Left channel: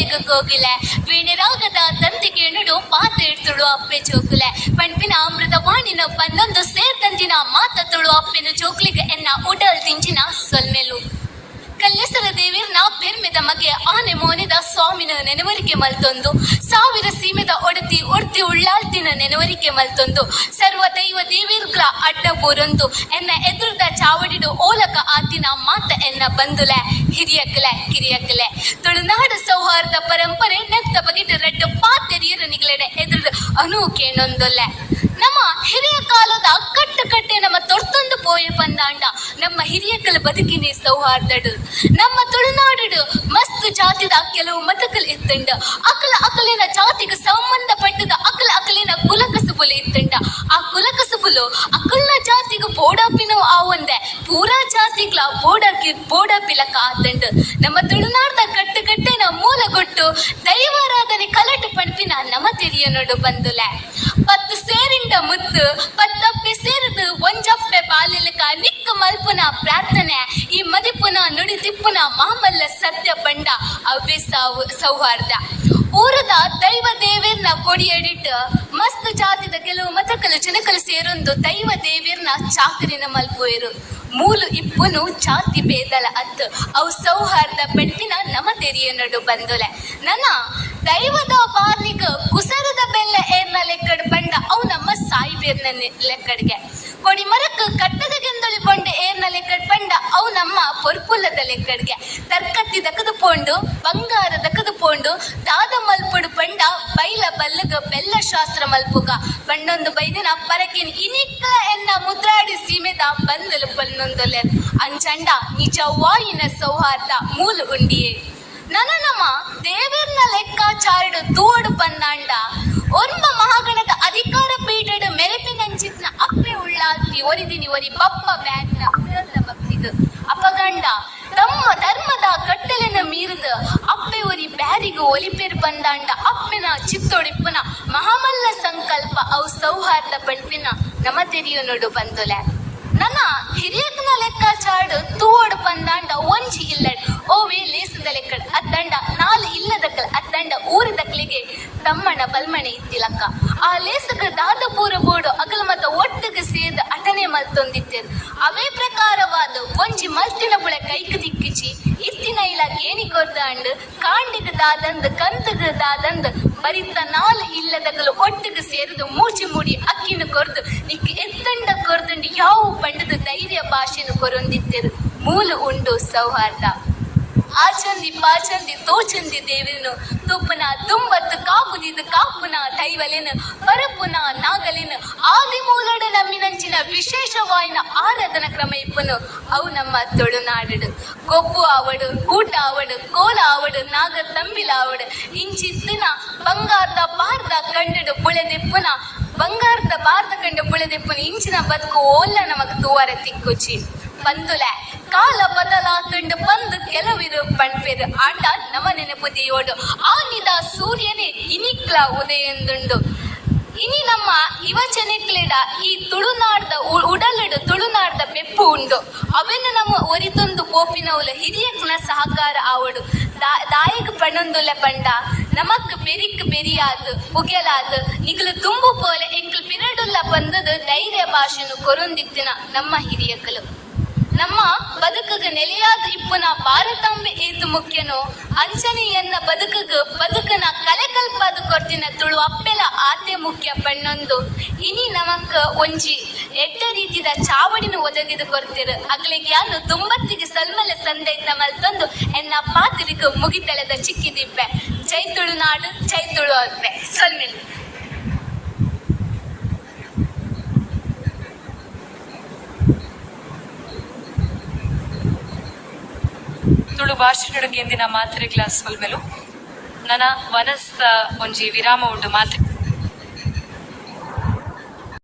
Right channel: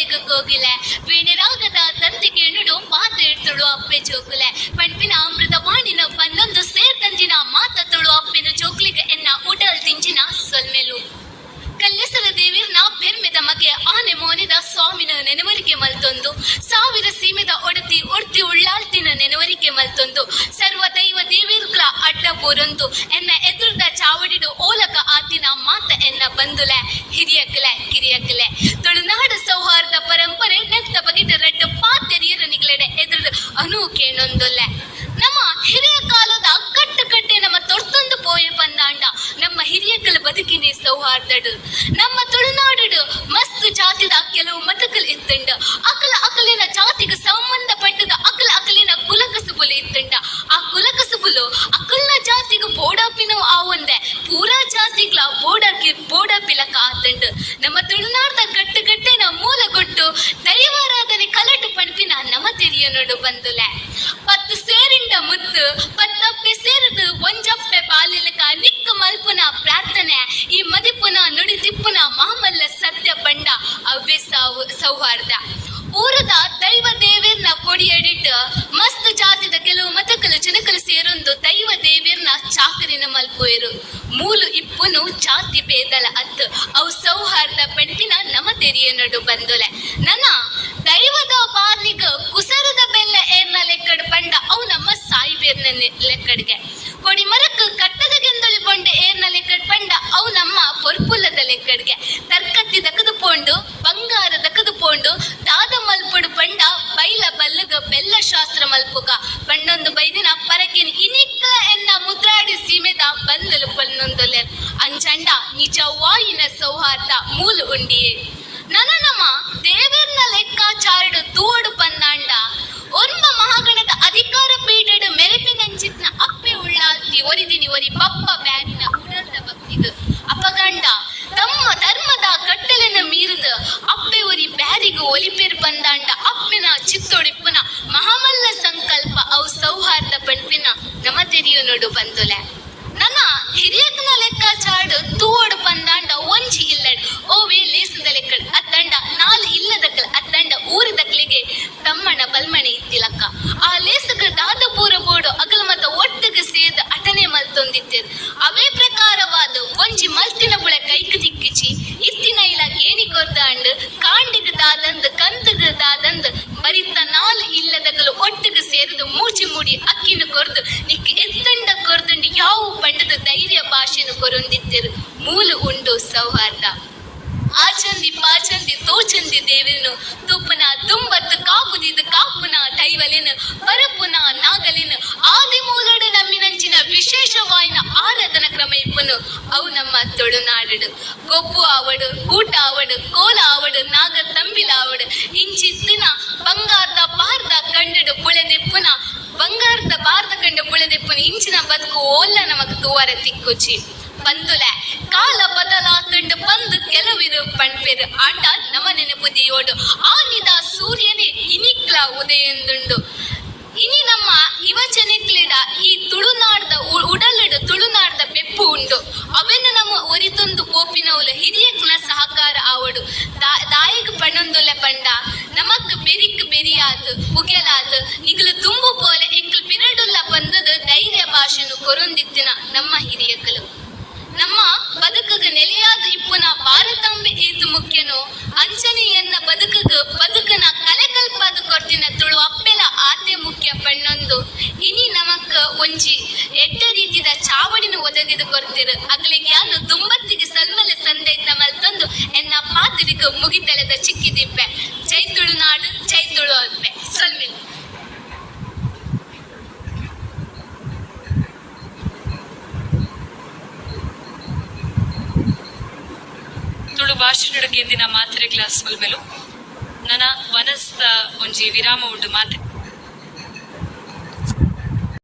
ಬಲಿಗ ಗೋಗಿಲೆ ವೇಣಿರಾಗದ ತಂತಿಗೆ ನುಡು ಮಾತು ಇಡ್ತುಳು ಅಪ್ಪೆ ಜೋಕುಲೆ ಪಂಪಿನ ಅಮೃತವಾಣಿನ ಬಂದೊಂದು ಸೇರ್ತಂಜಿನ ಮಾತ ತುಳು ಅಪ್ಪೆನ ಜೋಕ್ಲಿಗೆ ಎನ್ನ ಉಡಲ್ ತಿಂಚಿನ ಸೊಲ್ಮೆಲು ಕಲ್ಲೆಸರ ದೇವಿರ್ನ ಬೆರ್ಮೆದ ಮಗೆ ಆನೆ ಮೋನಿದ ಸ್ವಾಮಿನ ನೆನವರಿಕೆ ಮಲ್ತೊಂದು ಸಾವಿರ ಸೀಮೆದ ಒಡ್ತಿ ಉಳ್ಳಾಲ್ತಿನ ನೆನವರಿಕೆ ಮಲ್ತೊಂದು ಸರ್ವ ದೈವ ದೇವಿರ್ಗಳ ಅಡ್ಡ ಬೋರೊಂದು ಎನ್ನ ಎದುರುದ ಚಾವಡಿಡು ಓಲಕ ಆತಿನ ಮಾತ ಎನ್ನ ಬಂದುಲೆ ಹಿರಿಯಕಲೆ ಕಿರಿಯಕಲೆ ತುಳುನಾಡು ಸೌಹಾರ್ದ ಪರಂಪರೆ ನೆತ್ತ ಬಗೆಟ್ ರೆಡ್ಡು ಪಾತೆರಿಯರ ನಿಗಲೆಡೆ ಎದುರು ಅನೂಕೇನೊಂದೊಲ್ಲೆ ನಮ್ಮ ಹಿರಿಯ ಕಾಲದ ಕಟ್ಟೆ ನಮ್ಮ ತೊರ್ತೊಂದು ಪೋಯ ಪಂದಾಂಡ ನಮ್ಮ ಹಿರಿಯಕಲ ಬದುಕಿನ ಸೌಹಾರ್ದಡು ನಮ್ಮ ತುಳುನಾಡು ಮಸ್ತ್ ಜಾತಿದ ಕೆಲವು ಮತಕಲ್ ಇತ್ತಂಡ ಅಕಲಿನ ಜಾತಿಗೆ ಸಂಬಂಧಪಟ್ಟದ ಅಕಲಿನ ಕುಲಕಸುಬುಲು ಇತ್ತಂಡ ಆ ಕುಲಕಸುಬುಲು ಅಕಲ್ನ ಜಾತಿಗೆ ಬೋಡಾಪಿನೋ ಆವೊಂದೆ ಪೂರಾ ಜಾತಿಗ್ಲ ಬೋಡಾಪಿಲಕ ಆತಂಡ ನಮ್ಮ ತುಳುನಾಡ್ದ ಕಟ್ಟೆನ ಮೂಲಗೊಟ್ಟು ದೈವಾರಾಧನೆ ಕಲಟು ಪಂಪಿನ ನಮ್ಮ ತೆರಿಯನೋಡು ಬಂದುಲೆ ಪತ್ತು ಸೇರಿಂಡ ಮುತ್ತು ಪತ್ತಪ್ಪೆ ಸೇರಿದು ಒಂಜಪ್ಪೆ ಪಾಲಿಲಕ ನಿಕ್ಕ ಮಲ್ಪುನ ಪ್ರಾರ್ಥನೆ ಈ ಮದಿಪುನ ನುಡಿ ತಿಪ್ಪುನ ಮಾಮಲ್ಲ ಸತ್ಯ ಬಂಡ ಅವ್ವೆ ಸೌಹಾರ್ದ ಊರದ ದೈವ ದೇವೇರ್ನ ಕೊಡಿಯಡಿಟ್ಟು ಮಸ್ತ್ ಜಾತಿದ ಕೆಲವು ಮತಕಲು ಜನಕಲು ಸೇರೊಂದು ದೈವ ದೇವೇರ್ನ ಚಾಕರಿನ ಮಲ್ಪೋಯರು ಮೂಲು ಇಪ್ಪುನು ಜಾತಿ ಬೇದಲ ಅತ್ತು ಅವು ಸೌಹಾರ್ದ ಪೆಟ್ಟಿನ ನಮ್ಮ ತೆರಿಯನಡು ಬಂದುಲೆ ನನ್ನ ದೈವದ ಬಾರ್ನಿಗ ಕುಸರದ ಬೆಲ್ಲ ಏರ್ನ ಲೆಕ್ಕಡ್ ಬಂಡ ಅವು ನಮ್ಮ ಸಾಯಿಬೇರ್ನ ಲೆಕ್ಕಡ್ಗೆ ಕೊಡಿ ಮರಕ್ ಕಟ್ಟದ ಗೆಂದೊಳಿ ಬಂಡ ಏರ್ನ ಲೆಕ್ಕಡ್ ಬಂಡ ಅವು ನಮ್ಮ ಪೊರ್ಪುಲ್ಲದ ಲೆಕ್ಕಡ್ಗೆ ತರ್ಕತ್ತಿ ದಕದು ಪೋಂಡು ಬಂಗಾರ ದಕದು ಪೋಂಡು ದಾದ ಮಲ್ಪುಡು ಬಂಡ ಬೈಲ ಬಲ್ಲಗ ಬೆಲ್ಲ ಶಾಸ್ತ್ರ ಮಲ್ಪುಗ ಬಂಡೊಂದು ಬೈದಿನ ಪರಕಿನ ಇನಿಕ್ಕ ಎನ್ನ ಮುದ್ರಾಡಿ ಸೀಮೆದ ಬಂದಲು ಪನ್ನೊಂದೊಲೆ ಅಂಚಂಡ ನಿಜವಾಯಿನ ಸೌಹಾರ್ದ ಮೂಲು ಉಂಡಿಯೇ ನನ್ನ ನಮ್ಮ ದೇವೇರ್ನ ಲೆಕ್ಕಾಚಾರಡು ತೂಡು ಪಂದಾಂಡ ಒರ್ಮ ಮಹಾಗಣದ ಅಧಿಕಾರ ಪೀಠಡು ಮೆರೆಪಿನಂಚಿತ್ನ ಅಪ್ಪೆ ಉಳ್ಳಾಲ್ತಿ ಒರಿದಿನಿ ಒರಿ ಬಪ್ಪ ಬ್ಯಾರಿನ ಉಳದ ಭಕ್ತಿದು ಅಪಗಂಡ ತಮ್ಮ ಧರ್ಮದ ಕಟ್ಟಲೆನ ಮೀರಿದ ಅಪ್ಪೆ ಒರಿ ಬ್ಯಾರಿಗೂ ಒಲಿಪೇರ್ ಬಂದಾಂಡ ಅಪ್ಪಿನ ಚಿತ್ತೊಡಿಪ್ಪನ ಮಹಾಮಲ್ಲ ಸಂಕಲ್ಪ ಅವು ಸೌಹಾರ್ದ ಪಂಪಿನ ನಮ್ಮ ತೆರಿಯನೋಡು ಬಂದುಲೆ ನನ್ನ ಹಿರಿಯಕನ ಲೆಕ್ಕಾಚಾರಡು ತೂವಡು ಪಂದಾಂಡ ಒಂಜಿ ಇಲ್ಲಡ್ ಓವೇ ಲೇಸದ ಲೆಕ್ಕಡ್ ಅತ್ತಂಡ ನಾಲ್ ಇಲ್ಲದಕ್ಕಲ್ ಅತ್ತಂಡ ಊರಿದಕ್ಲಿಗೆ ತಮ್ಮನ ಬಲ್ಮಣೆ ಇತ್ತಿಲಕ್ಕ ಆ ಲೇಸಗ ದಾದ ಪೂರ ಬೋಡು ಅಗಲ ಮತ ಒಟ್ಟಿಗೆ ಸೇದ ಅಟನೆ ಮಲ್ತೊಂದಿತ್ತೇರು ಅವೇ ಪ್ರಕಾರವಾದ ಒಂಜಿ ಮಲ್ತಿನ ಬುಳ ಕೈಕ ದಿಕ್ಕಿಚಿ ಇತ್ತಿನ ಇಲ್ಲ ಗೇಣಿ ಕೊರ್ದಾಂಡ್ ಕಾಂಡಿಗ ದಾದಂದ್ ಕಂತಗ ದಾದಂದ್ ಬರಿತ ನಾಲ್ ಇಲ್ಲದಗಲು ಒಟ್ಟಿಗೆ ಸೇರಿದು ಮೂಚಿ ಮೂಡಿ ಅಕ್ಕಿನ ಕೊರ್ದು ನಿಕ್ಕೆ ಎತ್ತಂಡ ಕೊರ್ದಂಡು ಯಾವ ಪಂಡದ ಧೈರ್ಯ ಭಾಷೆನು ಕೊರೊಂದಿತ್ತೇರು ಮೂಲು ಉಂಡು ಸೌಹಾರ್ದ ಆಚಂದಿ ಪಾಚಂದಿ ತೋಚಂದಿ ದೇವಿನು ತುಪ್ಪನ ತುಂಬತ್ತು ಕಾಪುದಿದ ಕಾಪುನ ದೈವಲೆನು ಪರಪುನ ನಾಗಲೆನು ಆದಿ ಮೂಲಡು ನಮ್ಮಿನಂಚಿನ ವಿಶೇಷವಾಯಿನ ಆರಾಧನ ಕ್ರಮ ಇಪ್ಪನು ಅವು ನಮ್ಮ ತುಳುನಾಡು ಕೊಬ್ಬು ಆವಡು ಊಟ ಆವಡು ಕೋಲ ಆವಡು ನಾಗ ತಂಬಿಲ ಆವಡು ಇಂಚಿತ್ತಿನ ಬಂಗಾರದ ಬಾರ್ದ ಕಂಡಡು ಬುಳೆದೆಪ್ಪುನ ಬಂಗಾರದ ಬಾರ್ದ ಕಂಡು ಬುಳೆದೆಪ್ಪುನ ಇಂಚಿನ ಬದುಕು ಓಲ್ಲ ನಮಗ್ ತೂವರ ತಿಕ್ಕುಚಿ ಬಂದುಲೆ ಕಾಲ ಬದಲಾತಂಡು ಬಂದು ಕೆಲವಿರು ಪಣ್ಪೆರು ಆಟ ನಮ್ಮ ನೆನಪುದಿಯೋಡು ಆನಿದ ಸೂರ್ಯನೇ ಇನಿಕ್ಲ ಉದಯಂದುಂಡು ಇನಿ ನಮ್ಮ ಯುವಜನಕ್ಲೆಡ ಈ ತುಳುನಾಡ್ದ ಉಡಲಡು ತುಳುನಾಡ್ದ ಬೆಪ್ಪು ಉಂಡು ಅವೆನ್ನು ನಮ್ಮ ಒರಿತೊಂದು ಕೋಪಿನವುಲ ಹಿರಿಯಕ್ನ ಸಹಕಾರ ಆವಡು ದಾಯಕ ಪಣೊಂದುಲೆ ಪಂಡ ನಮಕ್ ಬೆರಿಕ್ ಬೆರಿಯಾದು ಪುಗೆಲಾದು ನಿಗಲು ತುಂಬು ಪೋಲೆ ಎಂಕ್ಲು ಪಿರಡುಲ್ಲ ಬಂದದು ಧೈರ್ಯ ಭಾಷೆನು ಕೊರೊಂದಿತ್ತಿನ ನಮ್ಮ ಹಿರಿಯಕಲು ನಮ್ಮ ಬದುಕಗ ನೆಲೆಯಾದ ಇಪ್ಪುನ ಭಾರತಾಂಬೆ ಏತು ಮುಖ್ಯನೋ ಅಂಚನೆಯನ್ನ ಬದುಕನ ಕಲೆಕಲ್ಪಾದ ಕೊರ್ತಿನ ತುಳು ಅಪ್ಪೆಲ ಆತೆ ಮುಖ್ಯ ಪಣ್ಣೊಂದು ಇನಿ ನಮಕ್ ಒಂಜಿ ಎಡ್ಡ ರೀತಿದ ಚಾವಡಿನ ಒದಗಿದು ಕೊರ್ತಿರು ಅಗ್ಲಿಗೆ ಯಾನು ತುಂಬತ್ತಿಗೆ ಸಲ್ಮಲೆ ಸಂದೈತ ಮಲ್ತೊಂದು ಎನ್ನ ಪಾತಿರಿಗ ಮುಗಿತೆಳೆದ ಚಿಕ್ಕಿದಿಪ್ಪೆ ಜೈ ತುಳುನಾಡು ಜೈ ತುಳು ಅಲ್ಪೆ ಸಲ್ಮಿಲ್ ತುಳು ಭಾಷೆ ಕೇಂದಿನ ಮಾತ್ರೆ ಕ್ಲಾಸ್ ಮಲ್ಮೆಲು ನನ್ನ ವನಸ್ದ ಒಂಜಿ ವಿರಾಮ ಉಂಡು ಮಾತ್ರೆ